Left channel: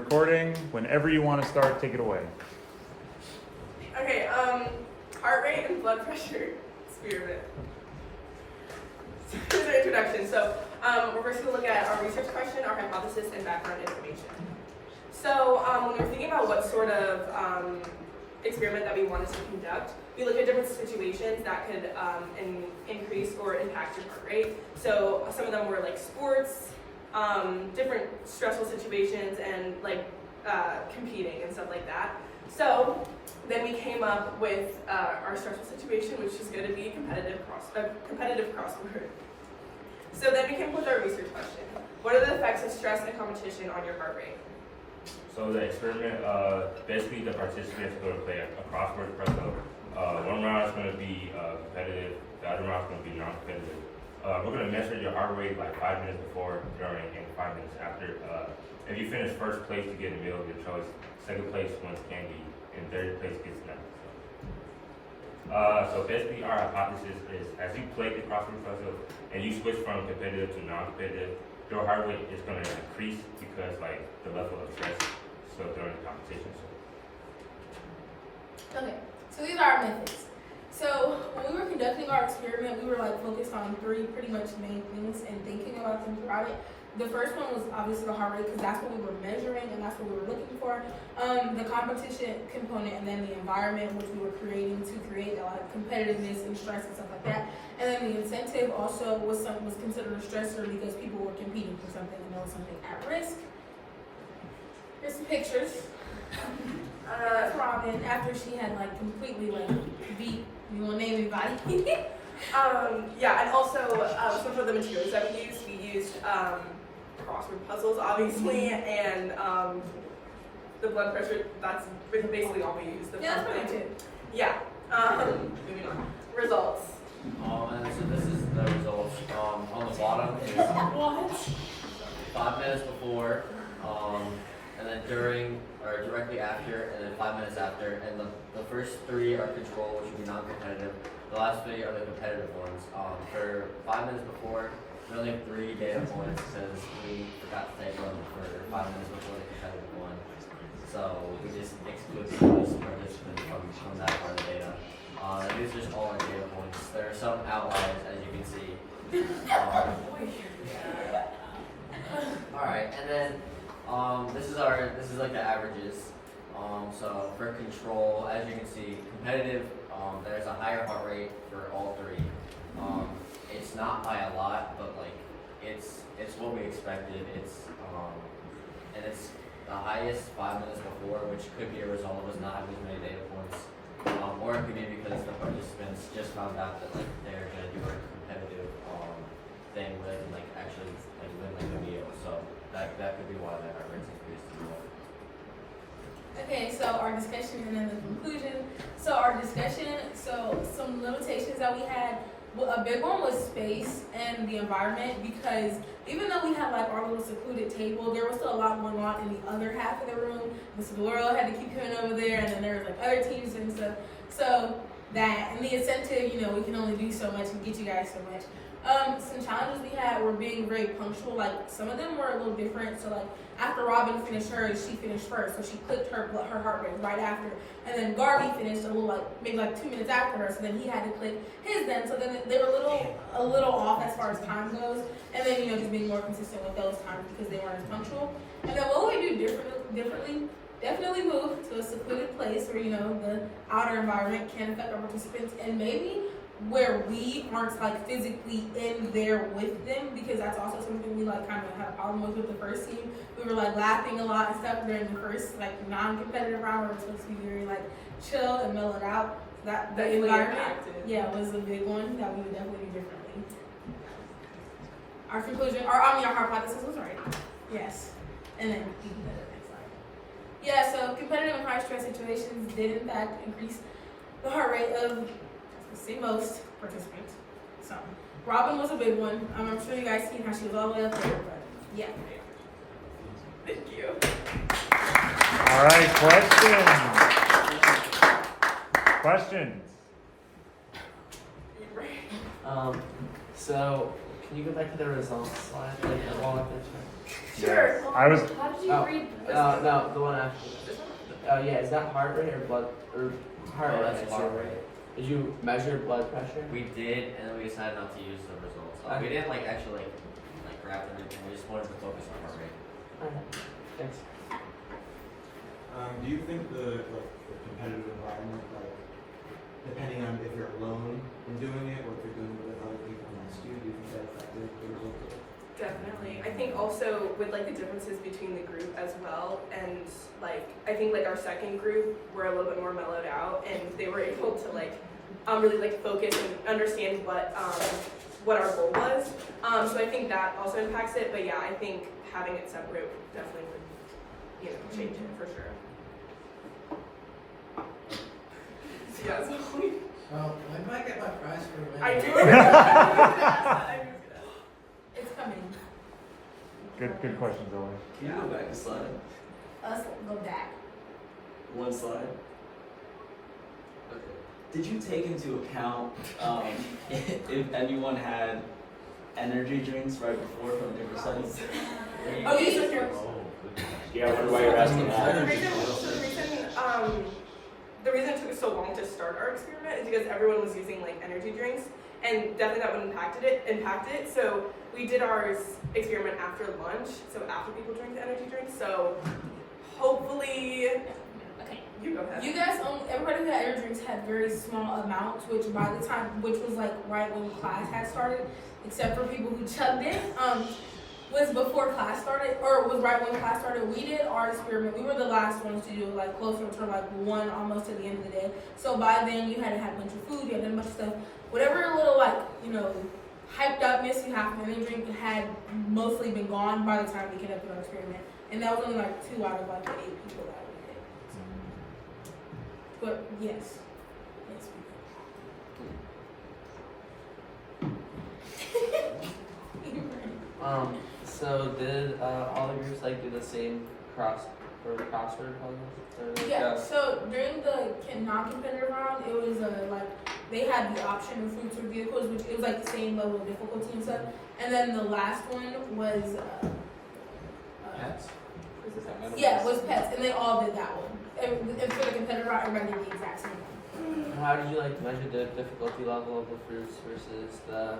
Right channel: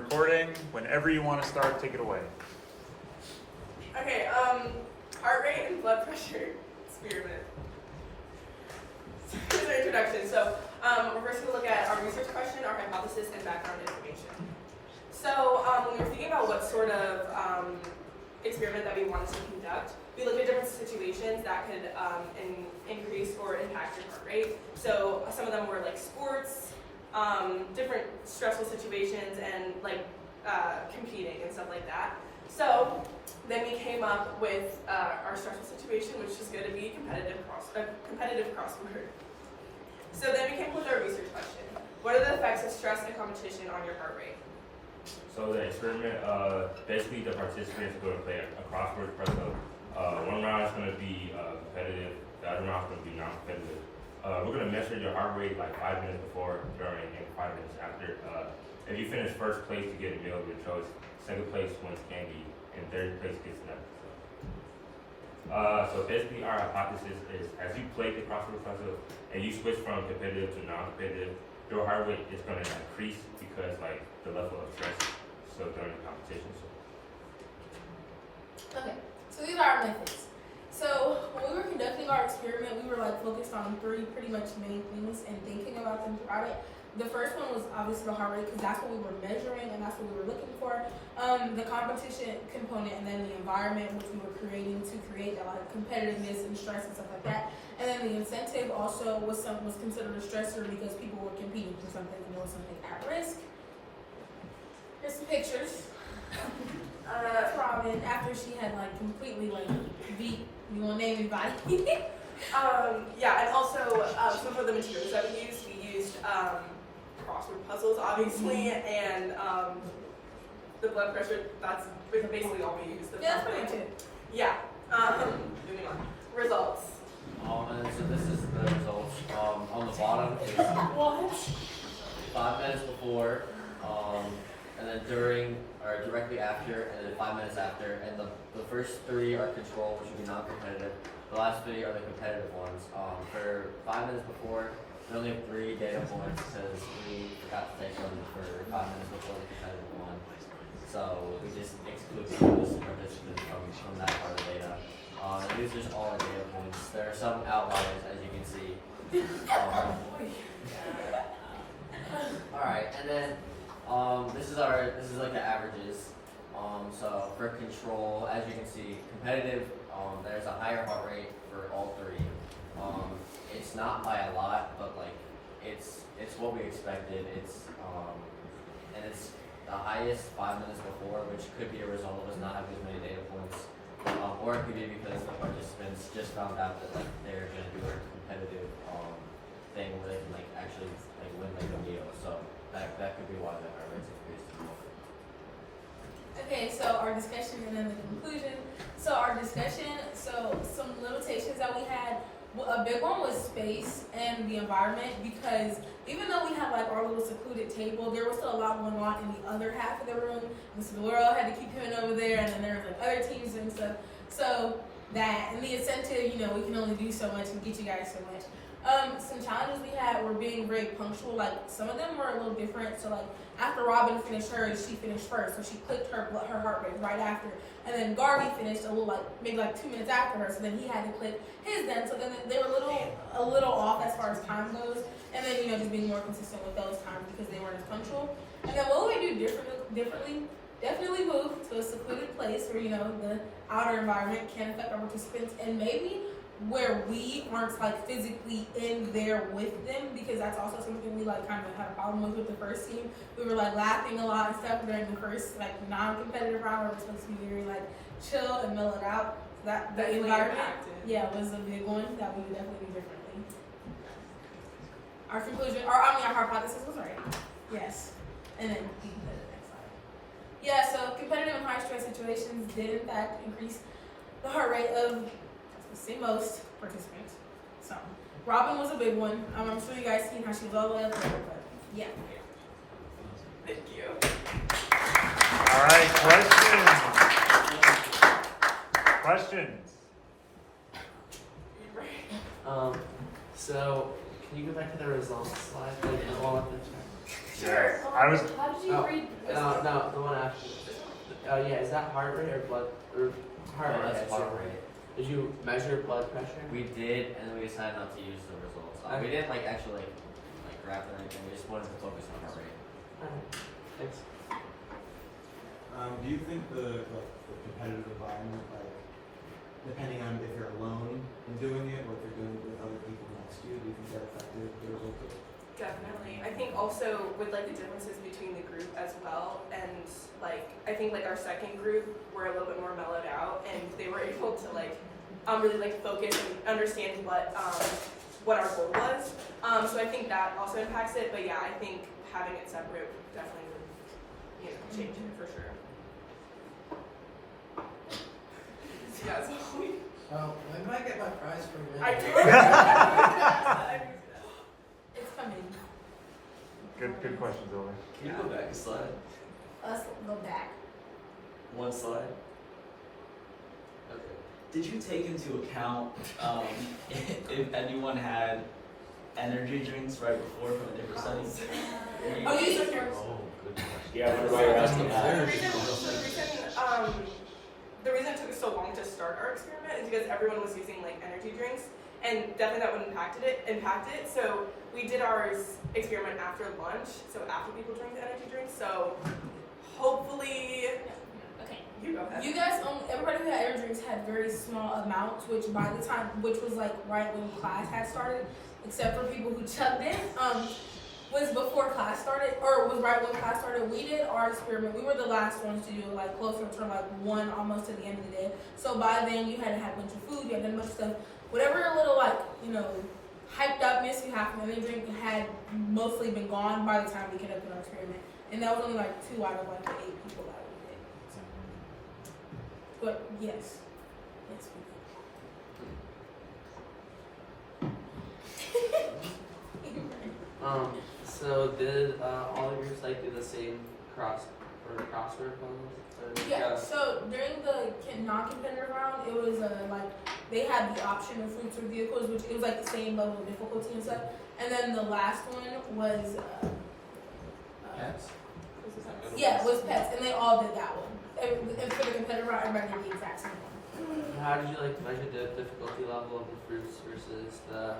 recording. Whenever you want to start, take it away. Okay, heart rate and blood pressure experiment. Here's our introduction. So we're first going to look at our research question, our hypothesis, and background information. So when we were thinking about what sort of experiment that we wanted to conduct, we looked at different situations that could increase or impact your heart rate. So some of them were like sports, different stressful situations, and like competing and stuff like that. So then we came up with our stressful situation, which is going to be a competitive crossword. So then we came up with our research question. What are the effects of stress and competition on your heart rate? So the experiment, basically the participants are going to play a crossword puzzle. One round is going to be competitive, the other round is going to be non-competitive. We're going to measure your heart rate like 5 minutes before, during, and 5 minutes after. If you finish first place, you get a meal of your choice. Second place wins candy, and third place gets nothing. So basically our hypothesis is as you play the crossword puzzle and you switch from competitive to non-competitive, your heart rate is going to increase because like the level of stress during the competition. Okay, so these are our methods. So when we were conducting our experiment, we were like focused on three pretty much main things and thinking about them throughout it. The first one was obviously the heart rate because that's what we were measuring and that's what we were looking for. The competition component and then the environment which we were creating to create that like competitiveness and stress and stuff like that. And then the incentive also was considered a stressor because people were competing for something and there was something at risk. Here's some pictures. That's Robin after she had like completely like beat. You want to name anybody? Yeah, and also some of the materials that we used crossword puzzles, obviously, and the blood pressure. That's basically all we used. Yeah, that's pretty much it. Yeah. Moving on. Results. And so this is the results. On the bottom is What? 5 minutes before, and then during or directly after, and then 5 minutes after. And the first three are control, which would be non-competitive. The last three are the competitive ones. For 5 minutes before, we only have 3 data points because we forgot to take them for 5 minutes before the competitive one. So we just exclude those participants from that part of the data. And these are just all our data points. There are some outliers, as you can see. Alright, and then this is like the averages. So for control, as you can see, competitive, there's a higher heart rate for all 3. It's not by a lot, but like it's what we expected. And it's the highest 5 minutes before, which could be a result of us not having as many data points, or it could be because the participants just found out that like they're gonna do a competitive thing where they can like actually like win like a meal. So that could be why the heart rate's increased. Okay, so our discussion and then the conclusion. So our discussion, so some limitations that we had, a big one was space and the environment because even though we had like our little secluded table, there was still a lot going on in the other half of the room. And so the world had to keep coming over there and then there was like other teams and stuff. So that, and the incentive, you know, we can only do so much and get you guys so much. Some challenges we had were being very punctual. Like some of them were a little different. So like after Robin finished hers, she finished first. So she clicked her heart rate right after. And then Garvey finished a little like maybe like 2 minutes after her. So then he had to click his then. So then they were a little off as far as time goes. And then, you know, just being more consistent with those times because they weren't as punctual. And then what would we do differently? Definitely move to a secluded place where, you know, the outer environment can affect our participants and maybe where we aren't like physically in there with them because that's also something we like kind of had a problem with the first team. We were like laughing a lot and stuff during the first like non-competitive round where we're supposed to be very like chill and mellow it out. That the environment, yeah, was a big one that we would definitely do differently. Our conclusion, our hypothesis was right. Yes, and then you can go to the next slide. Yeah, so competitive and high stress situations did in fact increase the heart rate of most participants. So Robin was a big one. I'm sure you guys seen how she was all the way up there, but yeah. Thank you. All right, questions? So can you go back to the results slide? Sure. I was. How did you read No, the one after. Yeah, is that heart rate or blood or heart Oh, rate? that's heart rate. Did you measure blood pressure? We did, and then we decided not to use the results. We didn't like actually like graph or anything. We just wanted to focus on heart rate. Alright, thanks. Do you think the competitive environment, like depending on if you're alone in doing it or if you're doing it with other people next to you, do you think that affected the results? Definitely. I think also with like the differences between the group as well, and like I think like our second group were a little bit more mellowed out, and they were able to like really like focus and understand what our goal was. So I think that also impacts it. But yeah, I think having it separate definitely would change it for sure. So yeah, so When do I get my prize for winning? I do. I do. It's coming. Good questions, Alaina. Can you go back a slide? Us go back. One slide. Okay. Did you take into account if anyone had energy drinks right before from different studies? Oh, these are here. Yeah, why you're asking So that? the reason it took us so long to start our experiment is because everyone was using like energy drinks, and definitely that would impact it. So we did our experiment after lunch, so after people drank the energy drinks. So hopefully, Okay. you go ahead. You guys, everybody who had energy drinks had very small amounts, which was like right when class had started, except for people who chugged in. Was before class started, or was right when class started. We did our experiment. We were the last ones to do it, like closer to like 1, almost to the end of the day. So by then you had to have a bunch of food, you had done a bunch of stuff. Whatever little hyped upness you have from the energy drink had mostly been gone by the time we conducted our experiment. And that was only like 2 out of like the 8 people that we did. But yes. So did all the groups like do the same crossword puzzles? Yeah, so during the non-competitive round, it was like they had the option of fruits or vehicles, which it was like the same level of difficulty and stuff. And then the last one was Yes. yeah, it was pets, and they all did that one. And for the competitive round, everybody did the exact same one. How did you like measure the difficulty level of the fruits versus the?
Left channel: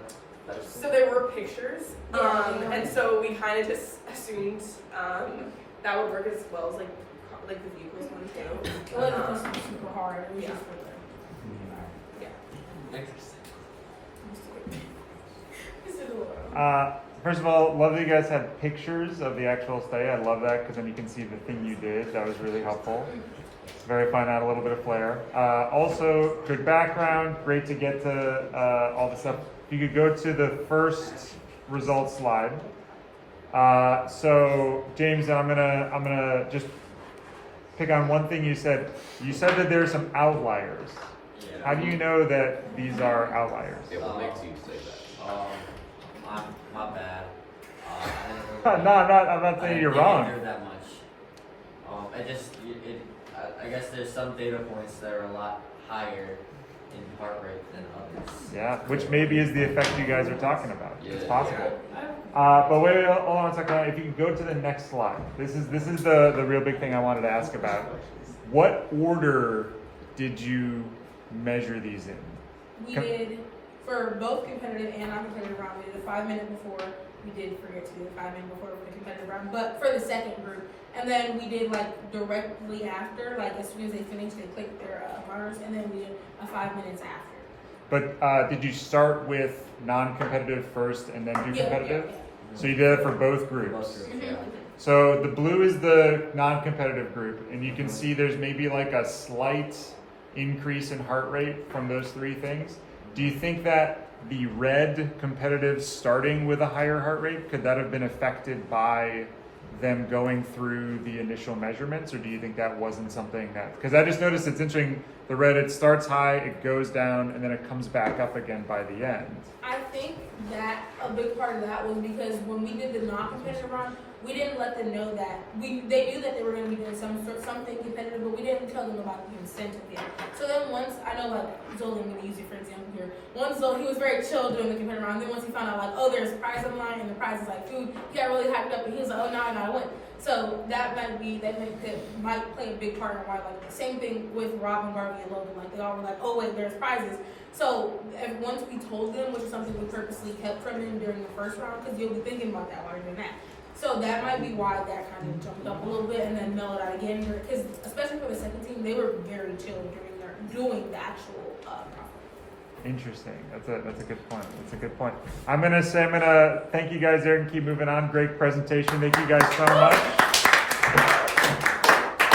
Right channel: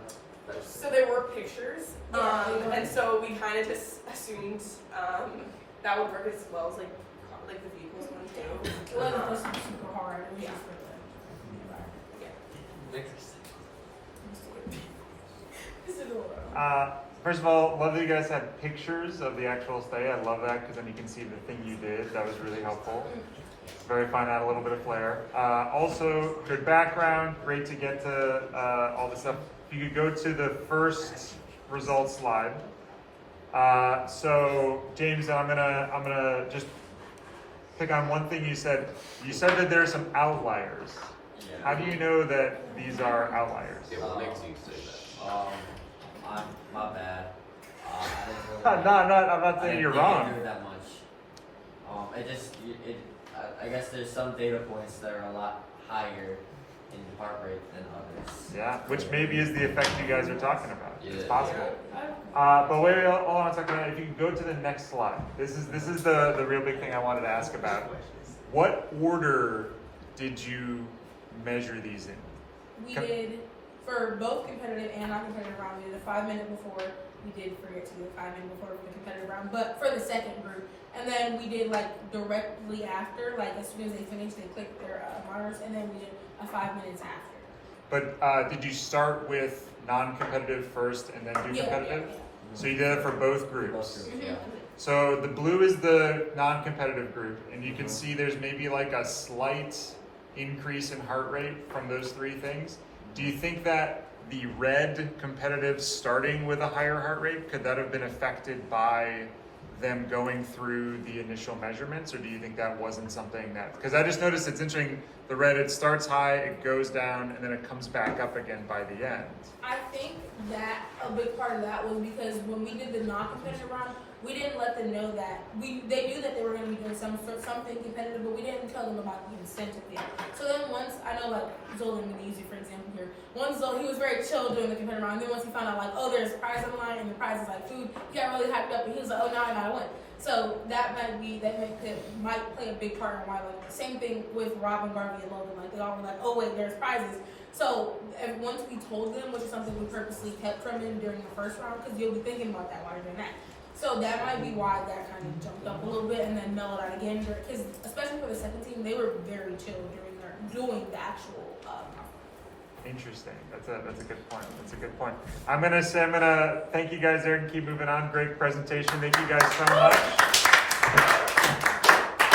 So there were pictures, and so we kind of just assumed that would work as well as like the vehicles one too. It wasn't just super hard. It was just for the First of all, love that you guys had pictures of the actual study. I love that because then you can see the thing you did. That was really helpful. It's very fun to add a little bit of flair. Also, good background. Great to get to all the stuff. If you could go to the first results slide. So James, I'm gonna just pick on one thing you said. You said that there are some outliers. Yeah. How do you know that these are outliers? What makes you say that? My bad. I didn't really, I'm not saying you're wrong. I didn't do that much. I guess there's some data points that are a lot higher in heart rate than others. Yeah, which maybe is the effect you guys are talking about. It's Yeah. possible. But wait, hold on a second. If you can go to the next slide. This is the real big thing I wanted to ask about. What order did you measure these in? We did, for both competitive and non-competitive round, we did a 5-minute before. We did forget to do a 5-minute before for the competitive round, but for the second group. And then we did like directly after, like as soon as they finished, they clicked their markers, and then we did a 5 minutes after. But did you start with non-competitive first and then do competitive? Yeah. So you did it for both groups. Yeah. So the blue is the non-competitive group, and you can see there's maybe like a slight increase in heart rate from those 3 things. Do you think that the red competitive starting with a higher heart rate, could that have been affected by them going through the initial measurements, or do you think that wasn't something that, because I just noticed it's interesting, the red, it starts high, it goes down, and then it comes back up again by the end. I think that a big part of that was because when we did the non-competitive round, we didn't let them know that they knew that they were going to be doing something competitive, but we didn't tell them about the incentive yet. So then once, I know like Zola, I'm going to use you for example here. Once Zola, he was very chill during the competitive round. And then once he found out like, oh, there's a prize online and the prize is like food, he got really hyped up and he was like, oh, now I gotta win. So that might play a big part in why, like the same thing with Robin, Garvey, and Logan. Like they all were like, oh wait, there's prizes. So once we told them, which is something we purposely kept from them during the first round, because you'll be thinking about that while you're doing that. So that might be why that kind of jumped up a little bit and then mellowed out again. Because especially for the second team, they were very chill doing the actual conference. Interesting. That's a good point. That's a good point. I'm gonna thank you guys there and keep moving on. Great presentation. Thank you guys so much.